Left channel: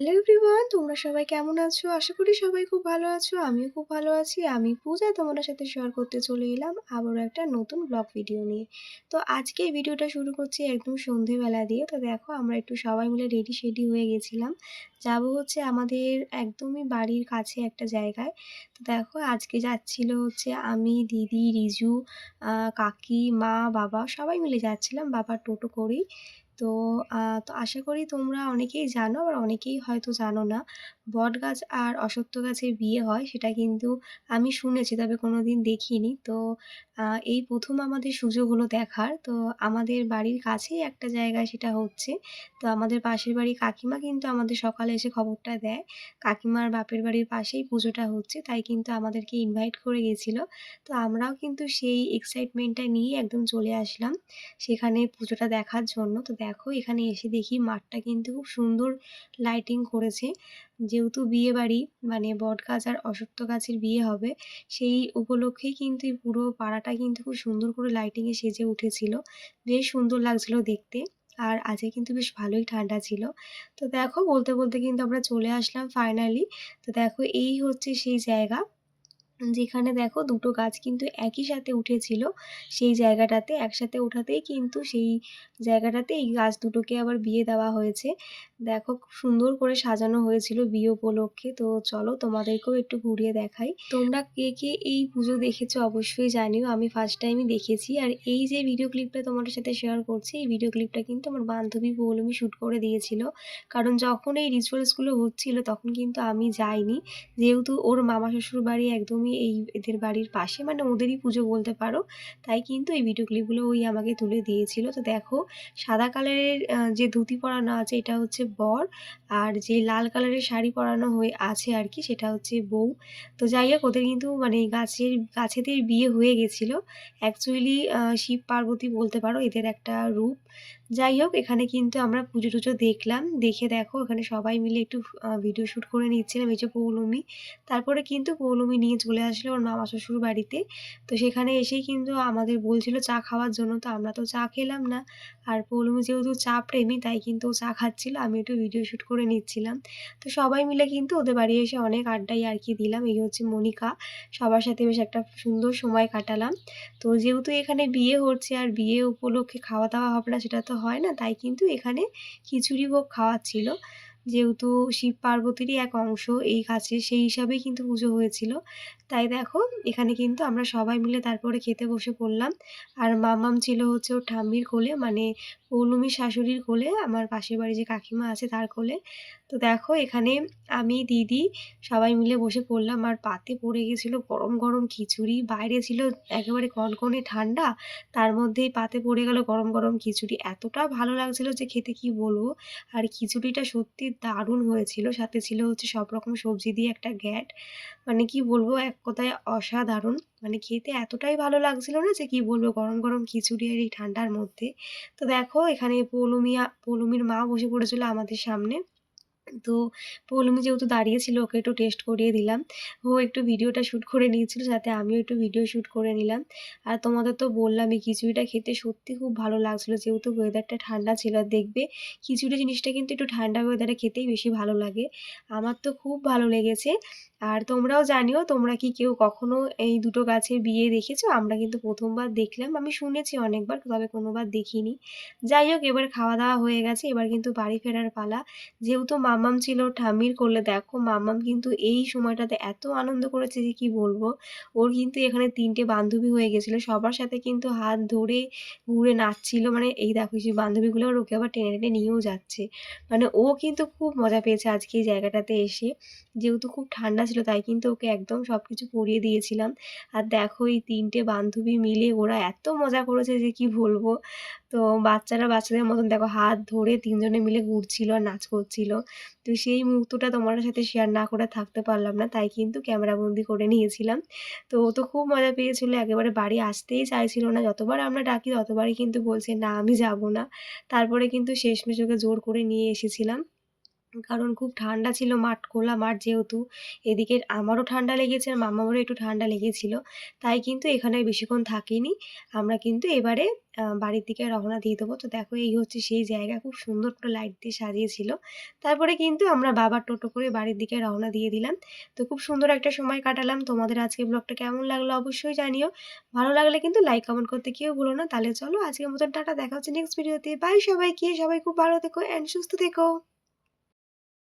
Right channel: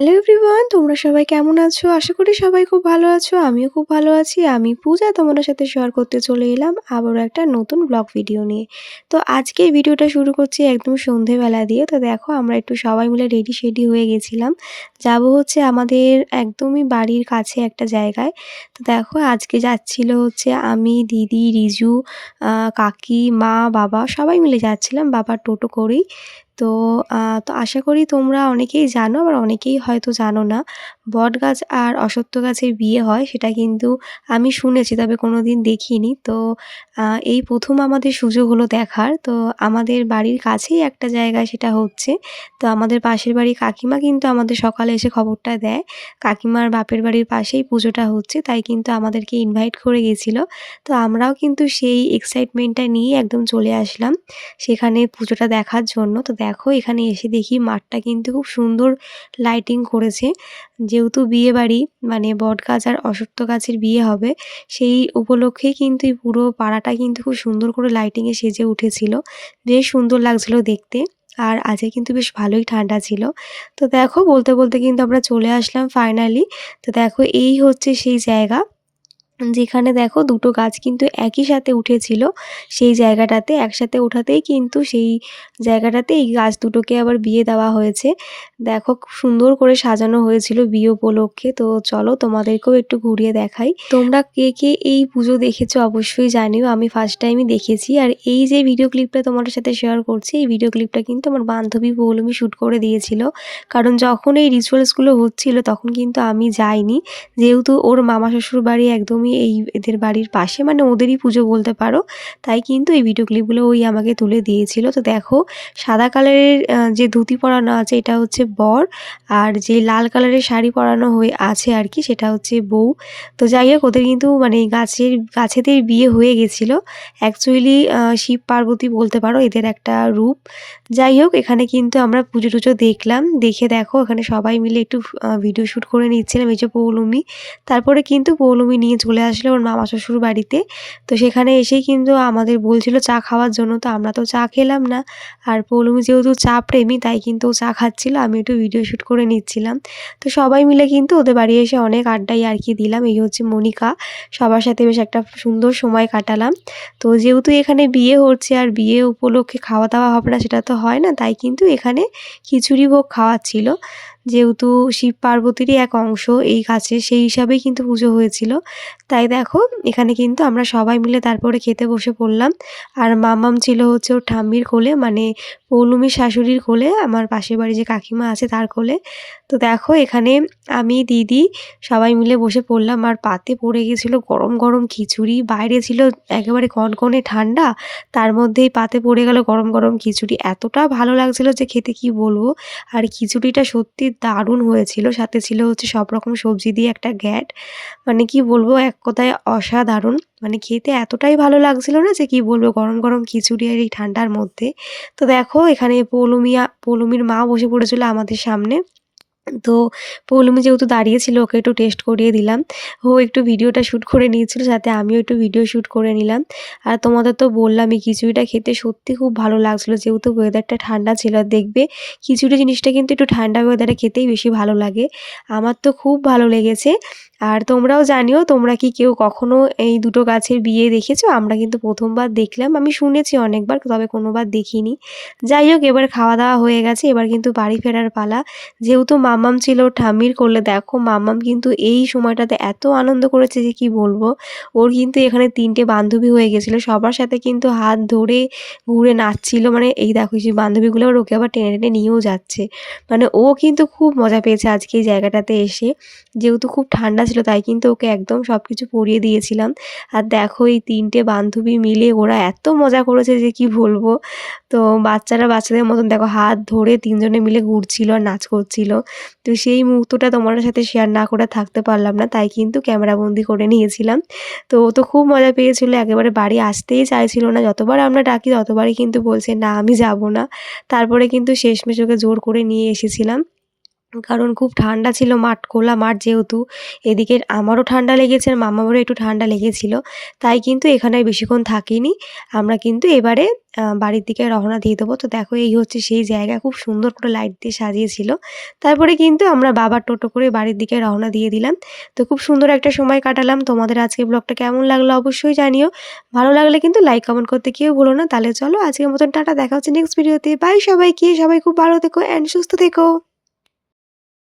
Hello everyone, তোমরা সবাই কেমন আছো? আশা করি সবাই খুব ভালো আছো। আমিও খুব ভালো আছি। আমি পূজা তোমাদের সাথে শেয়ার করতে চলে এলাম আবারও একটা নতুন ব্লগ ভিডিও নিয়ে। তো আজকে এই ভিডিওটা শুরু করছি একদম সন্ধেবেলা দিয়ে। তো দেখো আমরা একটু সবাই মিলে রেডি-সেডি হয়ে গেছিলাম। যাবো হচ্ছে আমাদের একদমই বাড়ির কাছে একটা জায়গায়। তো দেখো আজকে যাচ্ছিল হচ্ছে আমি, দিদি, রিজু, কাকি, মা, বাবা সবাই মিলে যাচ্ছিলাম বাবার টোটো করেই। তো আশা করি তোমরা অনেকেই জানো, আবার অনেকেই হয়তো জানো না। বটগাছ আর অশ্বত্থ গাছের বিয়ে হয় সেটা কিন্তু আমি শুনেছি, তবে কোনোদিন দেখিনি। তো এই ১ম আমাদের সুযোগ হলো দেখার। তো আমাদের বাড়ির কাছেই একটা জায়গায় সেটা হচ্ছে। তো আমাদের পাশের বাড়ির কাকিমা কিন্তু আমাদের সকালে এসে খবরটা দেয়। কাকিমার বাপের বাড়ির পাশেই পুজোটা হচ্ছে, তাই কিন্তু আমাদেরকে ইনভাইট করে গেছিল। তো আমরাও কিন্তু সেই এক্সাইটমেন্টটা নিয়ে একদম চলে আসলাম সেখানে পুজোটা দেখার জন্য। তো দেখো এখানে এসে দেখি মাঠটা কিন্তু খুব সুন্দর লাইটিং করেছে। যেহেতু বিয়েবাড়ি মানে বটগাছ আর অশ্বত্থ গাছের বিয়ে হবে, সেই উপলক্ষেই কিন্তু এই পুরো পাড়াটা কিন্তু খুব সুন্দর করে লাইটিংয়ে সেজে উঠেছিল। বেশ সুন্দর লাগছিল দেখতে। আর আজকে কিন্তু বেশ ভালোই ঠান্ডা ছিল। তো দেখো বলতে, বলতে কিন্তু আমরা চলে আসলাম ফাইনালি। তো দেখো এই হচ্ছে সেই জায়গা। যেখানে দেখো দুটো গাছ কিন্তু একই সাথে উঠেছিল সেই জায়গাটাতে। একসাথে ওঠাতেই কিন্তু সেই জায়গাটাতে এই গাছ দুটোকে আবার বিয়ে দেওয়া হয়েছে। দেখো খুব সুন্দর করে সাজানো হয়েছিল বিয়ে উপলক্ষে। তো চলো তোমাদেরকেও একটু ঘুরিয়ে দেখাই। তোমরা কে কে এই পুজো দেখেছো অবশ্যই জানিও। আমি ফার্স্ট টাইমই দেখেছি। আর এই যে ভিডিও ক্লিপটা তোমাদের সাথে শেয়ার করছি, এই ভিডিও ক্লিপটা কিন্তু আমার বান্ধবী পৌলমী শ্যুট করে দিয়েছিল। কারণ যখন এই রিচুয়ালসগুলো হচ্ছিল তখন কিন্তু আমি যাইনি। যেহেতু ওর মামা শ্বশুর বাড়ি একদমই এদের বাড়ির পাশে, মানে ওদেরই পুজো বলতে পারো। তাই কিন্তু এই ভিডিও ক্লিপগুলো ওই আমাকে তুলে দিয়েছিল। তো দেখো সাদা কালারের যে ধুতি পরানো আছে এটা হচ্ছে বর, আর যে লাল কালারের শাড়ি পরানো হয়ে আছে আর কি সেটা হচ্ছে বউ। তো যাই হোক ওদের কিন্তু মানে গাছেদের বিয়ে হয়ে গেছিলো। অ্যাকচুয়ালি শিব পার্বতী বলতে পারো এদের একটা রূপ। যাই হোক এখানে কিন্তু আমরা পুজো-টুজো দেখলাম। দেখে দেখো এখানে সবাই মিলে একটু ভিডিও শ্যুট করে নিচ্ছিলাম। এই যে পৌলমী, তারপরে কিন্তু পৌলমী নিয়ে চলে আসলো ওর মামা শ্বশুর বাড়িতে। তো সেখানে এসেই কিন্তু আমাদের বলছিল চা খাওয়ার জন্য, তো আমরা তো চা খেলাম না। আর পৌলমী যেহেতু চা প্রেমী তাই কিন্তু ও চা খাচ্ছিল, আমি একটু ভিডিও শ্যুট করে নিচ্ছিলাম। তো সবাই মিলে কিন্তু ওদের বাড়ি এসে অনেক আড্ডা ইয়ার্কি দিলাম। এই হচ্ছে মনিকা, সবার সাথে বেশ একটা সুন্দর সময় কাটালাম। তো যেহেতু এখানে বিয়ে হচ্ছে আর বিয়ে উপলক্ষে খাওয়া দাওয়া হবে না সেটা তো হয় না, তাই কিন্তু এখানে খিচুড়ি ভোগ খাওয়াচ্ছিল। যেহেতু শিব পার্বতীরই এক অংশ এই গাছে, সেই হিসাবেই কিন্তু পুজো হয়েছিল। তাই দেখো এখানে কিন্তু আমরা সবাই মিলে তারপরে খেতে বসে পড়লাম। আর মামাম ছিল হচ্ছে ওর ঠাম্মির কোলে, মানে পৌলমীর শাশুড়ির কোলে, আমার পাশের বাড়ি যে কাকিমা আছে তার কোলে। তো দেখো এখানে আমি, দিদি সবাই মিলে বসে পড়লাম। আর পাতে পড়ে গেছিলো গরম গরম খিচুড়ি। বাইরে ছিল একেবারে কনকনে ঠান্ডা, তার মধ্যেই পাতে পড়ে গেল গরম গরম খিচুড়ি। এতটা ভালো লাগছিল যে খেতে কি বলবো। আর খিচুড়িটা সত্যি দারুণ হয়েছিল। সাথে ছিল হচ্ছে সব রকম সবজি দিয়ে একটা ঘ্যাট। মানে কি বলবো, এক কথায় অসাধারণ। মানে খেতে এতটাই ভালো লাগছিল না যে কি বলবো, গরম গরম খিচুড়ি আর এই ঠান্ডার মধ্যে। তো দেখো এখানে পৌলমীর মা বসে পড়েছিল আমাদের সামনে। তো পৌলমী যেহেতু দাঁড়িয়ে ছিল ওকে একটু টেস্ট করিয়ে দিলাম। ও একটু ভিডিওটা শ্যুট করে নিয়েছিল, সাথে আমিও একটু ভিডিও শ্যুট করে নিলাম। আর তোমাদের তো বললামই খিচুড়িটা খেতে সত্যি খুব ভালো লাগছিল, যেহেতু ওয়েদারটা ঠান্ডা ছিল। আর দেখবে খিচুড়ি জিনিসটা কিন্তু একটু ঠান্ডা ওয়েদারে খেতেই বেশি ভালো লাগে। আমার তো খুব ভালো লেগেছে। আর তোমরাও জানিও তোমরা কি কেউ কখনো এই দুটো গাছের বিয়ে দেখেছো? আমরা কিন্তু ১ম বার দেখলাম। আমি শুনেছি অনেকবার, তবে কোনোবার দেখিনি। যাই হোক এবার খাওয়া দাওয়া হয়ে গেছে, এবার কিন্তু বাড়ি ফেরার পালা। যেহেতু মাম্মাম ছিল ওর ঠাম্মির কোলে, দেখো মাম্মাম কিন্তু এই সময়টাতে এত আনন্দ করেছে যে কি বলবো। ওর কিন্তু এখানে ৩ টে বান্ধবী হয়ে গেছিলো। সবার সাথে কিন্তু হাত ধরে ঘুরে নাচছিল। মানে এই দেখো সেই বান্ধবীগুলো আবার ওকে আবার টেনে, টেনে নিয়েও যাচ্ছে। মানে ও কিন্তু খুব মজা পেয়েছে আজকে এই জায়গাটাতে এসে। যেহেতু খুব ঠান্ডা ছিল তাই কিন্তু ওকে একদম সবকিছু পরিয়ে দিয়েছিলাম। আর দেখো এই ৩ টে বান্ধবী মিলে ওরা এত মজা করেছে যে কি বলবো। তো বাচ্চারা বাচ্চাদের মতন দেখো হাত ধরে ৩ জনে মিলে ঘুরছিল আর নাচ করছিল। তো সেই মুহূর্তটা তোমাদের সাথে শেয়ার না করে থাকতে পারলাম না, তাই কিন্তু ক্যামেরাবন্দি করে নিয়েছিলাম। তো ও তো খুব মজা পেয়েছিল, একেবারে বাড়ি আসতেই চাইছিল না। যতবার আমরা ডাকি ততবারই কিন্তু বলছে, "না আমি যাব না।" তারপরে কিন্তু শেষমেশ ওকে জোর করে নিয়ে এসেছিলাম। কারণ খুব ঠান্ডা ছিল মাঠ, খোলা মাঠ যেহেতু, এদিকে আমারও ঠান্ডা লেগেছে আর মামাবারও একটু ঠান্ডা লেগেছিল। তাই কিন্তু এখানে আর বেশিক্ষণ থাকিনি। আমরা কিন্তু এবারে বাড়ির দিকে রওনা দিয়ে দেবো। তো দেখো এই হচ্ছে সেই জায়গা, খুব সুন্দর করে লাইট দিয়ে সাজিয়েছিল। তারপরে কিন্তু আমরা বাবার টোটো করে বাড়ির দিকে রওনা দিয়ে দিলাম। তো খুব সুন্দর একটা সময় কাটালাম। তোমাদের আজকের ব্লগটা কেমন লাগলো অবশ্যই জানিও। ভালো লাগলে কিন্তু লাইক, কমেন্ট করতে কেউ ভুলো না। তাহলে চলো আজকের মতন টাটা, দেখা হচ্ছে নেক্সট ভিডিওতে। বাই সবাইকে, সবাই খুব ভালো থেকো অ্যান্ড সুস্থ থেকো।